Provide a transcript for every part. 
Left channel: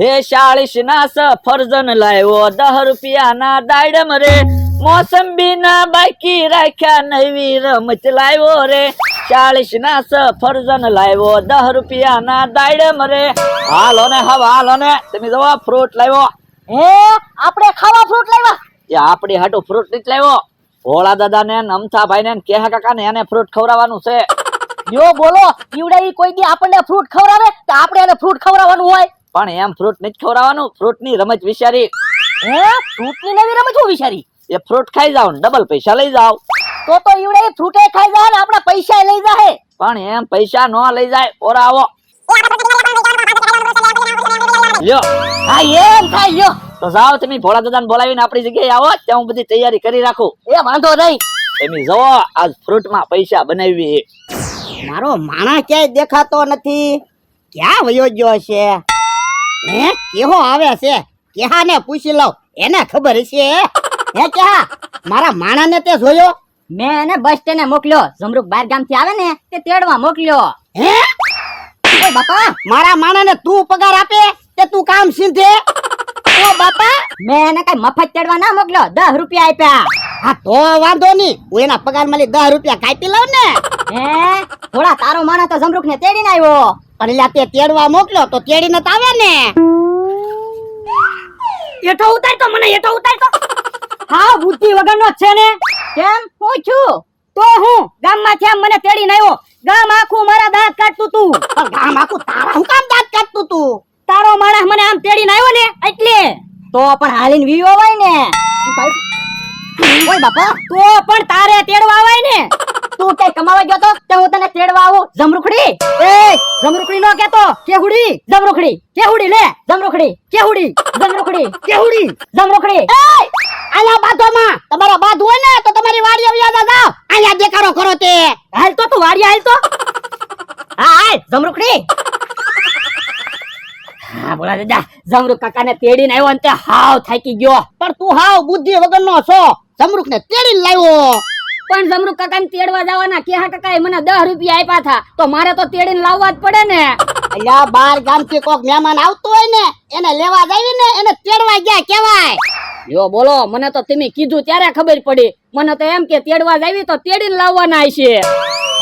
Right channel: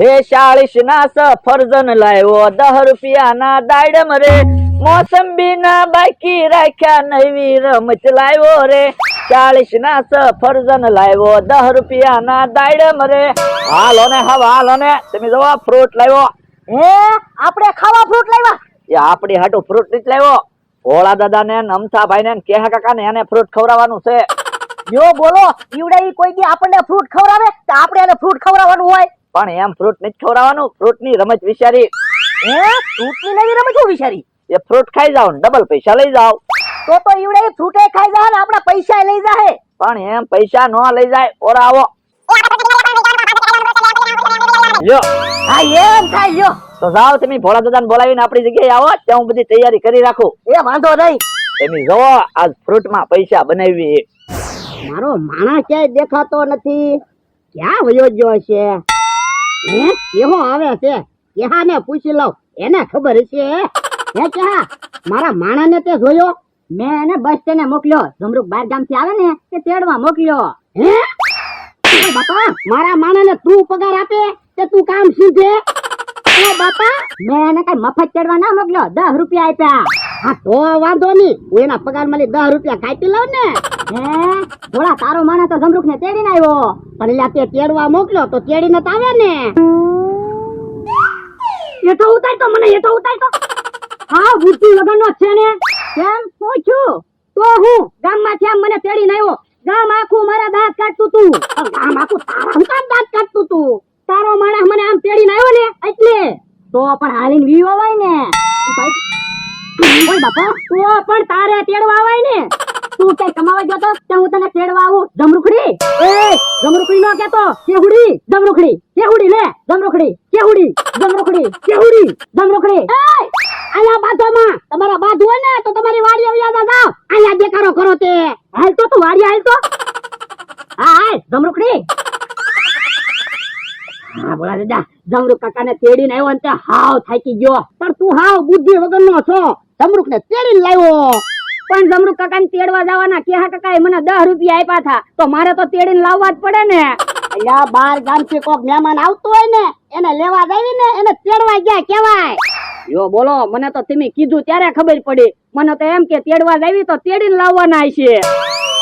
હે 40 ના સફરજન લાવ્યો 10 રૂપિયાના દાડમ રે મોસંબી ના બાકી રાખ્યા નવી રમત લાવ્યો રે 40 ના સફરજન લાવ્યો 10 રૂપિયાના દાડમ રે હાલો ને તમે જો ફ્રૂટ લાવ્યો હે આપણે ખાવા ફ્રૂટ લાવ્યા એ આપડી હાટુ ફ્રૂટ નથી લાવ્યો ભોળા દાદા ને અમથા ભાઈ ને કેહા કાકા ને એને ફ્રૂટ ખવડાવવાનું છે યો બોલો ઈવડા ઈ કોઈ દી આપણને ફ્રૂટ ખવડાવે તો આપણે એને ફ્રૂટ ખવડાવવાનું હોય પણ એમ ફ્રૂટ નથી ખવડાવવાનું ફ્રૂટ ની રમત વિચારી હે ફ્રૂટ ની નવી રમત હું વિચારી એ ફ્રૂટ ખાઈ જાવ ડબલ પૈસા લઈ જાવ તો ઈવડા ઈ ફ્રૂટે ખાઈ જાય ને આપણા પૈસા લઈ જાહે પણ એમ પૈસા નો લઈ જાય ઓરા આવો લ્યો હા એમ થાય લ્યો તો જાઓ તમે ભોળા દાદાને બોલાવીને આપણી જગ્યાએ આવો ત્યાં હું બધી તૈયારી કરી રાખું એ વાંધો નહીં તમે જો આજ ફ્રૂટ માં પૈસા બનાવી મારો માણા ક્યાંય દેખાતો નથી ક્યાં વયો ગયો છે હે કેવો આવે છે કેહાને પૂછી લઉં એને ખબર હશે હે કેહા મારા માણાને તે જોયો મેં એને બસ સ્ટેન્ડે મોકલ્યો જમરૂક બહાર ગામથી આવે ને તે તેડવા મોકલ્યો હે ઓય બાપા મારા માણાને તું પગાર આપે તે તું કામ સીધે ઓ બાપા મેં એને કઈ મફત તેડવા ના મોકલ્યો 10 રૂપિયા આપ્યા હા તો વાંધો નહીં હું એના પગાર માંથી 10 રૂપિયા કાપી લઉં ને હે થોડા તારો માણસ તો જમરૂખ ને તેડીને આવ્યો પણ એલા તે તેડવા મોકલ્યો તો તેડીને તો આવે ને એઠો ઉતાર તો મને એઠો ઉતાર તો હા બુદ્ધિ વગરનો છે ને કેમ હું છું તો હું ગામમાંથી આમ મને તેડીને આવ્યો ગામ આખું મારા દાંત કાઢતું તું ગામ આખું તારા હું કામ દાંત કાઢતું તું તારો માણસ મને આમ તેડીને આવ્યો ને એટલે તો પણ હાલીને વીવો હોય ને ઓય બાપા તો પણ તારે તેડવા આવાય ને તું કઈ કમાવા ગયો તો હું તને તેડવા આવું જમરૂખડી એ જમરૂખડી નો કેતો કેહુડી જમરૂખડી કેહુડી લે જમરૂખડી કેહુડી જમરૂખડી કેહુડી જમરૂખડી એ આયા બાધોમાં તમારા બાધ હોય ને તો તમારી વાડી આવી જાવ આયા દેખાડો કરો તે હાલ તો તું વાડી હાલ તો હા હાલ જમરૂખડી હા બોલા દાદા જમરૂખ કાકાને તેડીને આવ્યો ને તે હાવ થાકી ગયો પણ તું હાવ બુદ્ધિ વગરનો છો જમરૂખ ને તેડીને લાવ્યો પણ જમરૂખ કાકાને તેડવા જવાના કેહા કાકાએ મને 10 રૂપિયા આપ્યા હતા તો મારે તો તેડીને લાવવા જ પડે ને અલ્યા બાર ગામથી કોક મહેમાન આવતું હોય ને એને લેવા જાવી ને એને તેડવા ગયા કહેવાય યો બોલો મને તો તમે કીધું ત્યારે ખબર પડી મને તો એમ કે તેડવા જાવી તો તેડીને લાવવાના છે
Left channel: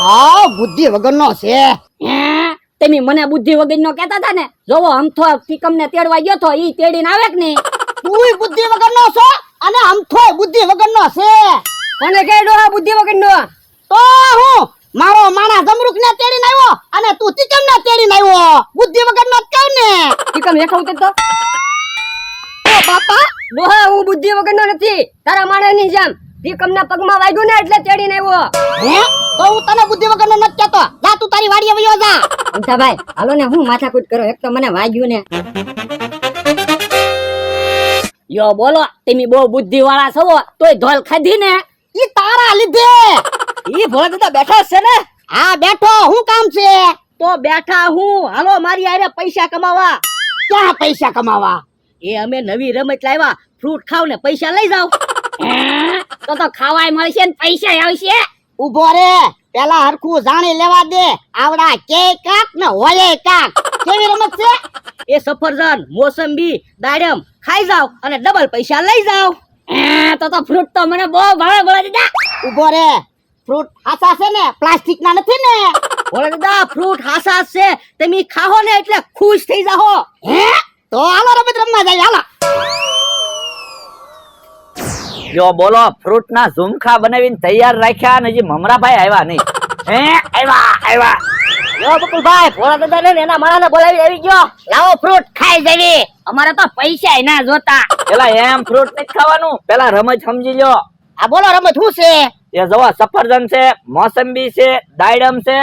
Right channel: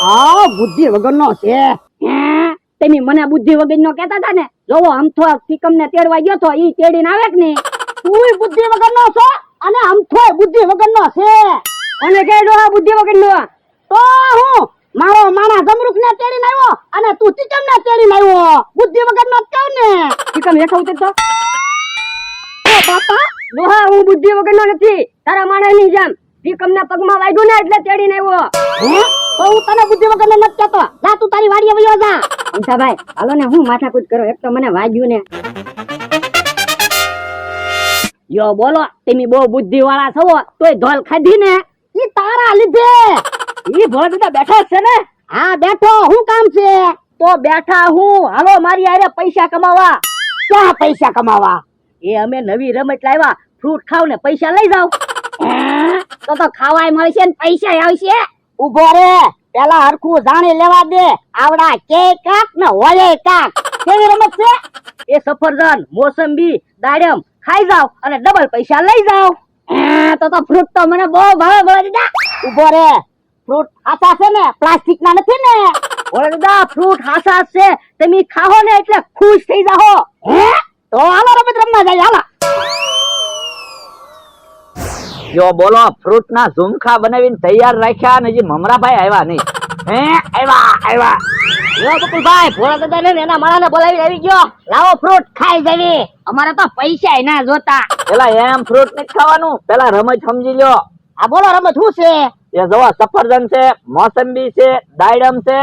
હા બુદ્ધિ વગરનો છે તમે મને બુદ્ધિ વગરનો કહેતા હતા ને જોવો અમથો ટીકમને તેડવા ગયો તો ઈ તેડીને આવે કે નહીં તુંય બુદ્ધિ વગરનો છો અને અમથોય બુદ્ધિ વગરનો છે કોને કેડો આ બુદ્ધિ વગરનો તો હું મારો માણા જમરૂખ ને તેડીને આવ્યો અને તું ટીકમ ને તેડીને આવ્યો બુદ્ધિ વગરનો જ કહું ને ટીકમ હેઠો ઉતર તો બાપા દોહા હું બુદ્ધિ વગરનો નથી તારા માણાની જેમ ટીકમ ના પગમાં વાગ્યું ને એટલે તેડીને આવ્યો હે તો હું તને બુદ્ધિ વગરનો નથી કહેતો જા તું તારી વાડીએ વયો જા ઉઠા ભાઈ હાલો ને હું માથાકૂટ કરો એક તો મને વાગ્યું ને યો બોલો તમે બહુ બુદ્ધિ વાળા છો તોય ધોલ ખાધી ને ઈ તારા લીધે ઈ ભોળા દાદા બેઠા છે ને હા બેઠો હું કામ છે તો બેઠા હું હાલો મારી આરે પૈસા કમાવા ક્યાં પૈસા કમાવા એ અમે નવી રમત લાવ્યા ફ્રૂટ ખાવ ને પૈસા લઈ જાવ તો ખાવાય મળશે ને પૈસા આવશે ઉભો રે પેલા હરખું જાણી લેવા દે આવડા કે કાક ને હોલે કાક કેવી રમત છે એ સફરજન મોસંબી દાડમ ખાઈ જાવ અને ડબલ પૈસા લઈ જાવ તો ફ્રૂટ તો મને બહુ ભાવે ભલા દાદા ઉભો રે ફ્રૂટ હાસા છે ને પ્લાસ્ટિક ના નથી ને ભલા દાદા ફ્રૂટ હાસા છે તમે ખાઓ ને એટલે ખુશ થઈ જાઓ હે તો હાલો રમત રમવા જાય હાલો જો બોલો ફ્રૂટ ના ઝુમખા બનાવીને તૈયાર રાખ્યા અને જે મમરાભાઈ આવ્યા નહીં હે આવ્યા યો બકુલભાઈ ભોળા દાદા ને એના માણાને બોલાવી આવી ગયો લાવો ફ્રૂટ ખાઈ જવી અમારે તો પૈસા ના જોતા પેલા એમ ફ્રૂટ નથી ખાવાનું પેલા રમત સમજી લ્યો આ બોલો રમત શું છે એ જોવા સફરજન છે મોસંબી છે દાડમ છે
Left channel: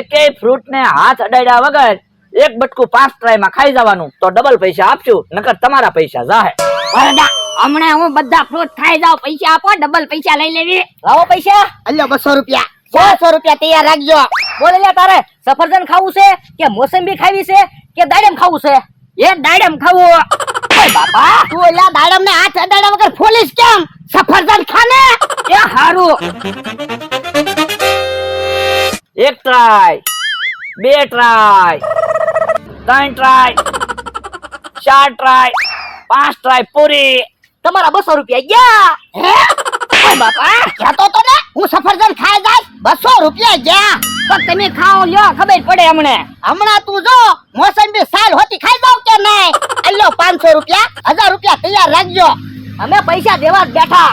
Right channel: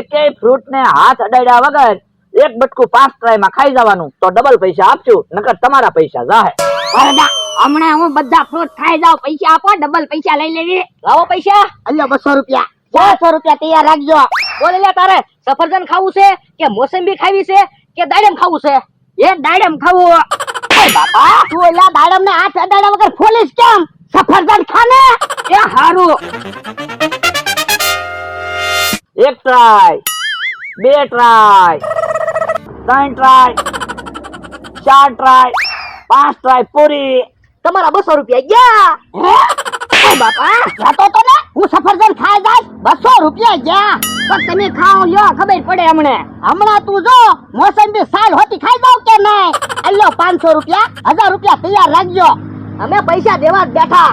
એકેય ફ્રૂટ ને હાથ અડાડ્યા વગર એક બટકું 5 ટ્રાય માં ખાઈ જવાનું તો ડબલ પૈસા આપશું નકર તમારા પૈસા જાહે હમણાં હું બધા ફ્રૂટ ખાઈ જાવ પૈસા આપો ડબલ પૈસા લઈ લેવી લાવો પૈસા અલ્યો 200 રૂપિયા 400 રૂપિયા તૈયાર રાખજો બોલે લે તારે સફરજન ખાવું છે કે મોસંબી ખાવી છે કે દાડમ ખાવું છે એ દાડમ ખાવું બાપા તું એલા દાડમ ને હાથ અડાડ્યા વગર ફોલીસ કેમ સફરજન ખાને એ હારું 1 try 2 try 3 try 4 try 5 try પૂરી. તમારા 200 રૂપિયા ગયા. હે ઓય બાપા જાતો તો ને હું સફરજન ખાઈ જાય 200 રૂપિયા ગયા. તો તમે ખાઓ લ્યો ખબર પડે હમણાં તું જો મોસંબી સાલ હોતી ખાઈ જાવ કે નહીં. અલ્યો 500 રૂપિયા 1000 રૂપિયા તૈયાર રાખજો. અમે પૈસા દેવા જ બેઠા.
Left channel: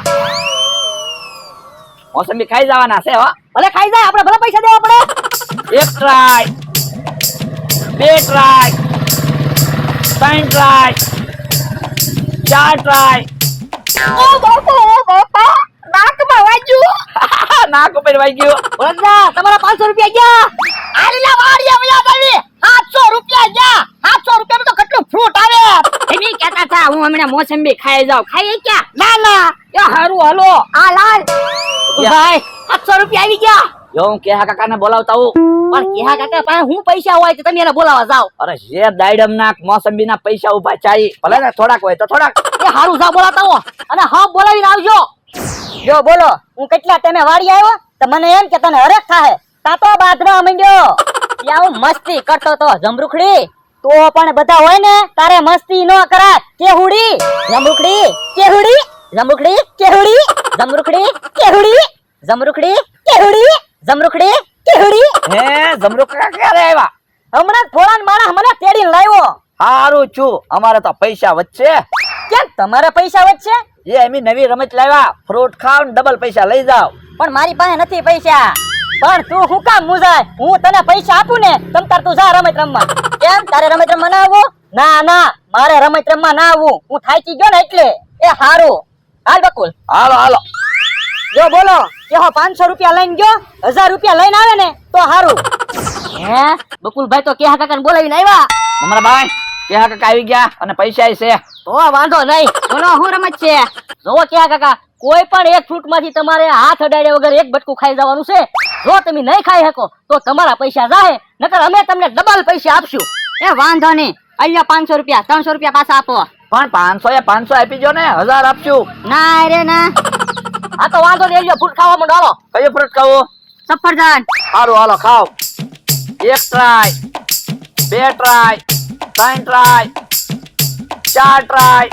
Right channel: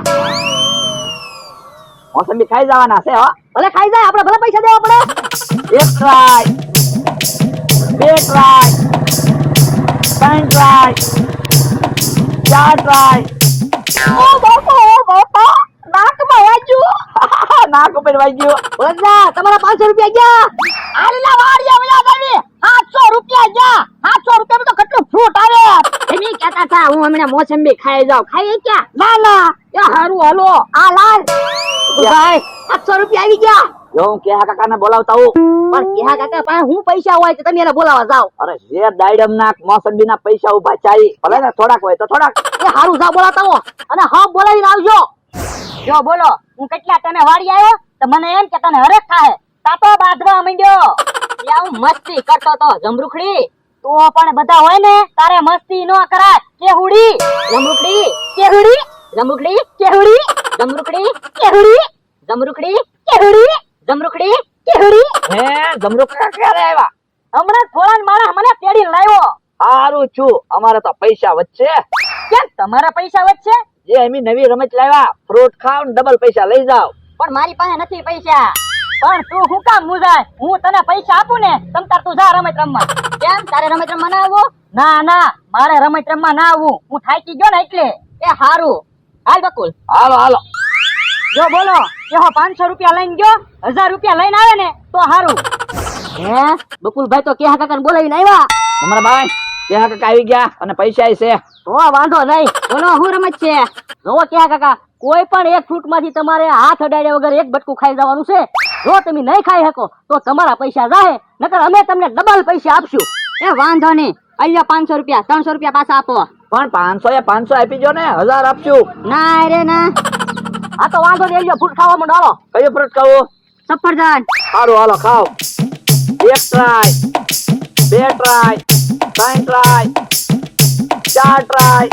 મોસંબી ખાઈ જવાના છે હો. ભલે ખાઈ જાય આપણે ભલે પૈસા દેવા પડે. 1 ટ્રાય 2 ટ્રાય 3 ટ્રાય 4 ટ્રાય. નાકમાં વાગ્યું. નાક ઉપર વાગ્યું. ઓળખના તમારા 500 રૂપિયા ગયા. આલેલા વાડિયા વયા ગઈ 700 રૂપિયા ગયા. 700 રૂપિયામાં તો કેટલું ફ્રૂટ આવે. તમે કહેતા હતા હું હમણાં મોસંબી ખાઈ જાઉં. ખાઈ ક્યાં? ના ના એ હારું હાલો. આ લાલ ભાઈ 700 રૂપિયા આવી ગયા. જો હું કેહા કાકાને બોલાવતા હું. પણ કેહા કાકા પાસે હું પૈસા હોય તો તમે એને બોલાવવા જાવ. અરે જે દાયડમ ના મોસંબી ના પૈસા ઉભા ચાઈ ભલે ને થોડાક હોય તો થોડાક. એ હારું જાવ બોલાવતા હો અને હા બોલાવીને આવજો. જો બોલો હું કેટલા ટાઈમે વાડી આવ્યો તો મને એમ કે તને હરખ થાય તાતો બાદરા માંડ્યો. ત્યાં હું મસ્તી કરતો તો જમરૂખડી. તો પણ બધા હોય ને તારે મસ્તી ન કરાય. કેહુડી જમરૂખડી કેહુડી જમરૂખડી કેહુડી જમરૂખડી કેહુડી જમરૂખડી કેહુડી જમરૂખડી કેહુડી. હે જમરૂખ કાકા ક્યારે આવ્યા? હમણાં થોડા માણસ મને તેડીને લાવ્યો. હારું છું અમારે તો પૈસા વચ્ચે. કેમ તમારા પૈસા વચ્ચે? એ અમે નવી રમત લાવ્યા ફ્રૂટ ખાવ ને ડબલ પૈસા લઈ જાવ. પણ મારી પાસે નથી પૈસા. પણ તું હું કામ મુજાય? હું તને પૈસા આપું ને તમ તાર તું જા રમત રમવા. કેમ તારે રમત રમવા ના આવવું? ના ના મારે રમત રમવા ના આવવું. હું થાકી ગયો ને એટલે. એ હારું હાલ બકુલ. હાલો હાલો. જો બોલો કે હો 500 રૂપિયા લઈને ગયો 1000 રૂપિયા લઈને આવે ને તો હારું. હે બકુલભાઈ તો કેહા કાકાને બોલાવીને આવ્યા. અમારા ભાઈ કેહા કાકા આવી ગયા અને પૈસા છે. તો વાંધો નહીં. બોલો હું રમત છે જો કેહા કાકા કોઈ પણ એક ફ્રૂટ માંથી તમારે હાથ અડાડ્યા વગર એક બટકું ખાઈ જવાનું છે. જો તમે નહીં ખાઈ શકો તો તમારા પૈસા જાહે નકર અમે તમને ડબલ પૈસા આપશું. એ વાંધો નહીં અહીંયા 500 રૂપિયા 300 રૂપિયા પાછા આપો. પણ 500 એ 500 આપી જો ને 1000 આપશું. ના રે ના આ તો વાંધો નહીં. અહીંયા ફ્રૂટ ખાવા માંડો. હાલો કયો ફ્રૂટ ખાવો? સફરજન. સારું હાલો ખાઓ. 1 try 2 try 3 try 4 try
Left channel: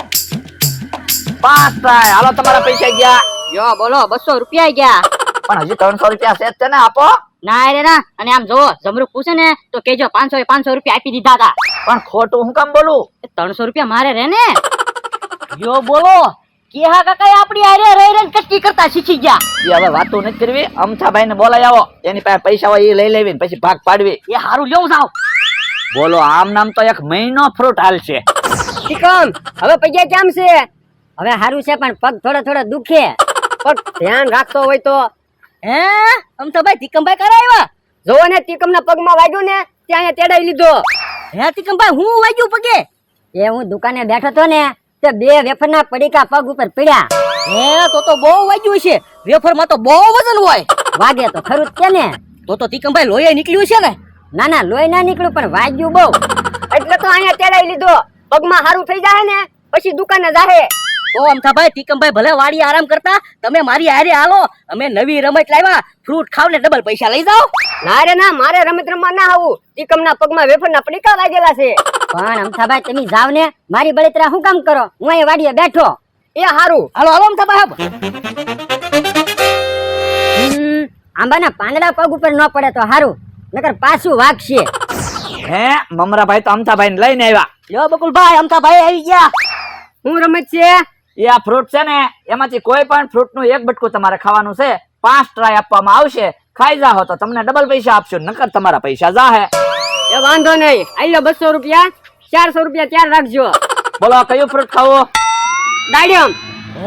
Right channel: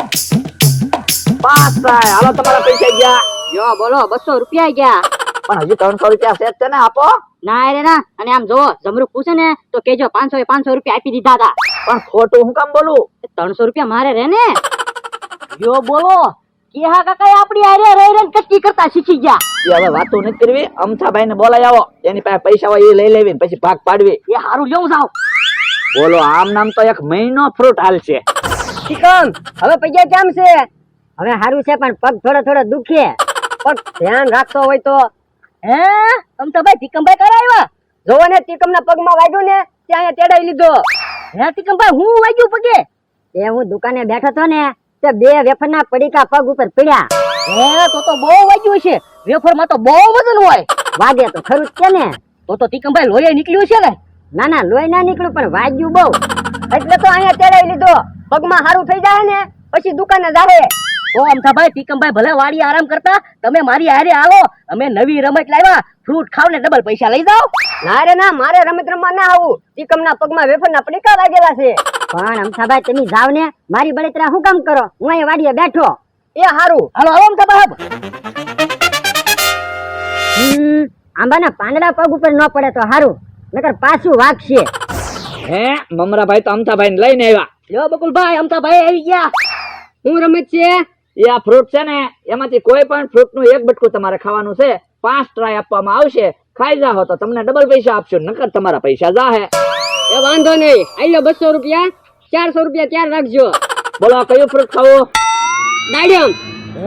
5 try. હાલો તમારા પૈસા ગયા. જો બોલો 200 રૂપિયા ગયા. પણ હજી 300 રૂપિયા છે જ છે ને આપો. ના રે ના અને આમ જો જમરૂખ પૂછે ને તો કેજો 500 એ 500 રૂપિયા આપી દીધા હતા. પણ ખોટું હું કામ બોલું? 300 રૂપિયા મારે રે ને. જો બોલો કેહા કાકા આપણી હારે રહી રહી કટકી કરતા શીખી ગયા. એ હવે વાતો નથી કરવી. અમથાભાઈ ને બોલાવી આવો. એની પાસે પૈસા હોય એ લઈ લેવી પછી ભાગ પાડવી. એ હારું લેવું જાવ. બોલો આમ નામ તો 1 મહિનો ફ્રૂટ હાલશે. ઠીકમ હવે પૈસા કેમ છે? હવે હારું છે પણ પગ થોડા થોડા દુખે. પણ ધ્યાન રાખતો હોય તો. હે આમ તો ભાઈ તીકમભાઈ કરાવ્યા. જોવો ને તીકમના પગમાં વાગ્યું ને ત્યાં તેડાઈ લીધો. હે તીકમભાઈ હું વાગ્યું પગે? એ હું દુકાને બેઠો તો ને તે 2 વેફરના પડીકા પગ ઉપર પડ્યા. હે તો બહુ વાગ્યું છે. વેફરમાં તો બહુ વજન હોય. વાગે તો ખરું જ છે ને. તો તીકમભાઈ લોહી નીકળ્યું છે ને? ના ના લોહી ના નીકળ્યું પણ વાગ્યું બહુ. એટલે તો અહીંયા તેડાઈ લીધો. પગમાં હારું થઈ જાય ને પછી દુકાને જાહે. ઓ અમથાભાઈ તીકમભાઈ ભલે વાડી આરામ કરતા તમે મારી હારે આવો. અમે નવી રમત લાવ્યા ફ્રૂટ ખાવ ને ડબલ પૈસા લઈ જાઓ. ના રે ના મારે રમત રમવા ના આવું. તીકમના પગમાં વેફરના પડીકા વાગેલા છે. પણ અમથાભાઈ તમે જાવ ને મારી બળતરા હું કામ કરો? હું અહીં વાડીએ બેઠો. એ હારું હાલો હાલો અમથાભાઈ. આંબાના પાંદડા પગ ઉપર ન પડે તો હારું નકર પાછું વાગશે. હે મમરાભાઈ તો અમથાભાઈ ને લઈને આવ્યા. યો બકુલભાઈ અમથાભાઈ આવી ગયા. હું રમત છે એ આ ફ્રૂટ છે ને એમાંથી કોઈ પણ ફ્રૂટ નું એક બટકું તમારે ખાવાનું છે. 5 ટ્રાય આપવામાં આવશે. ખાઈ જાઓ તો તમને ડબલ પૈસા આપશું નકર તમારા પૈસા જાહે. એ વાંધો નહીં. આલ્યો 200 રૂપિયા 400 રૂપિયા ત્યાર રાખજો. બોલો કયું ફ્રૂટ ખાવો? દાડમ.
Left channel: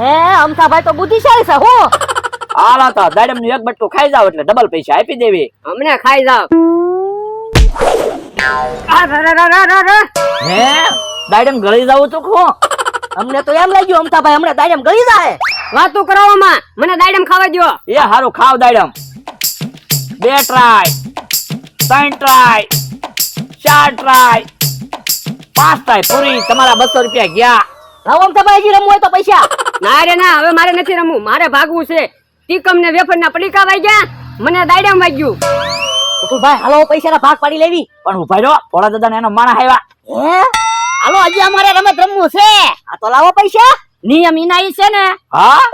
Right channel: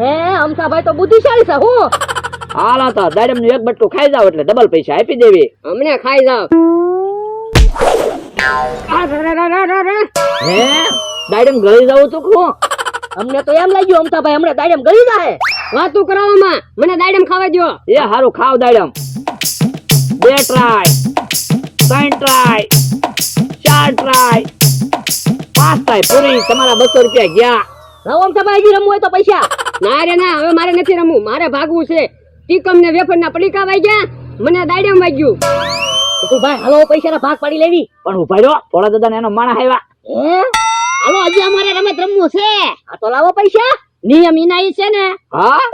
હે અમથાભાઈ તો બુદ્ધિશાળી છે. હું હાલો તો દાડમ નું એક બટકું ખાઈ જાવ એટલે ડબલ પૈસા આપી દેવી. અમને ખાઈ જાવ. હે દાડમ ગળી જાવ તું ખો? અમને તો એમ લાગ્યું અમથાભાઈ હમણાં દાડમ ગળી જાય. વાતું કરાવવામાં મને દાડમ ખાવા દો. એ હારું ખાવ દાડમ. 2 ટ્રાય 3 ટ્રાય 4 ટ્રાય 5 ટ્રાય પૂરી. તમારા 200 રૂપિયા ગયા. હા અમથાભાઈ હજી રમવું હોય તો પૈસા. ના રે ના હવે મારે નથી રમવું. મારે ભાગવું છે. ટીકમ ને વેફરના પડીકા વાગ્યા મને દાડમ વાગ્યું. ભાઈ હાલો પૈસાના ભાગ પાડી લેવી. પણ ઉભા રહ્યો ભોળા દાદા એનો માણસ આવ્યા. હે હાલો હજી અમારે રમત રમવું છે. આ તો લાવો પૈસા. નિયમ ઇનાઈ છે ને. હા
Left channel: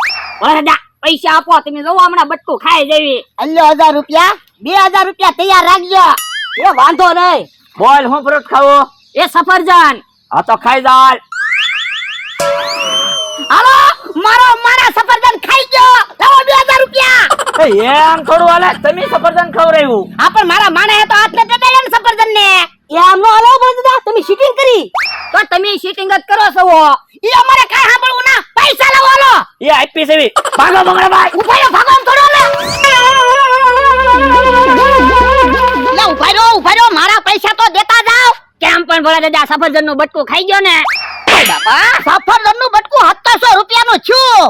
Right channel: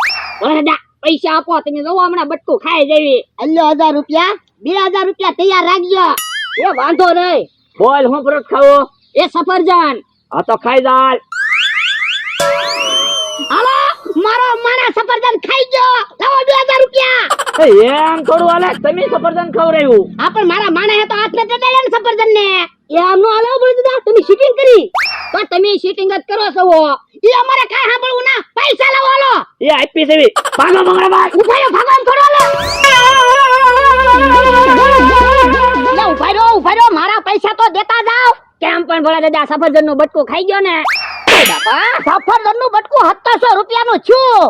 વરદા પૈસા આપો. તમે જોવો હમણાં બટકું ખાઈ જેવી. અલ્યો 1000 રૂપિયા. 2000 રૂપિયા તૈયાર રાખજો. એ વાંધો નહીં. બોલ હું ફ્રૂટ ખાવું? એ સફરજન. હા તો ખાઈ જાલ. હાલો મારો માણા સફરજન ખાઈ ગયો. લાવો 2000 રૂપિયા. એમ થોડું હાલે, તમે સફરજન ખવડાવ્યું. હા પણ મારા માણે તો હાથને ચડાડ્યા ને સફરજન ને. એમ નો હાલો બળદા. તમે શીટિંગ કરી. તો તમે શીટિંગ જ કરો છો. ઈ અમારે કાઈ સાંભળવું ના. પૈસા લાવો હાલો. એ આપી સેવી. ભાગો મંગળાભાઈ. ઉભા રહો ભગવાન થોડો લે. ઉભા રહો મારા પૈસા તો દેતા જાવ. કેમ પણ ભલે દાદા સફરજન નું બટકું ખાઈ ગયો ને. બાપા સફરજન નું બટકું 700 રૂપિયા નું છું.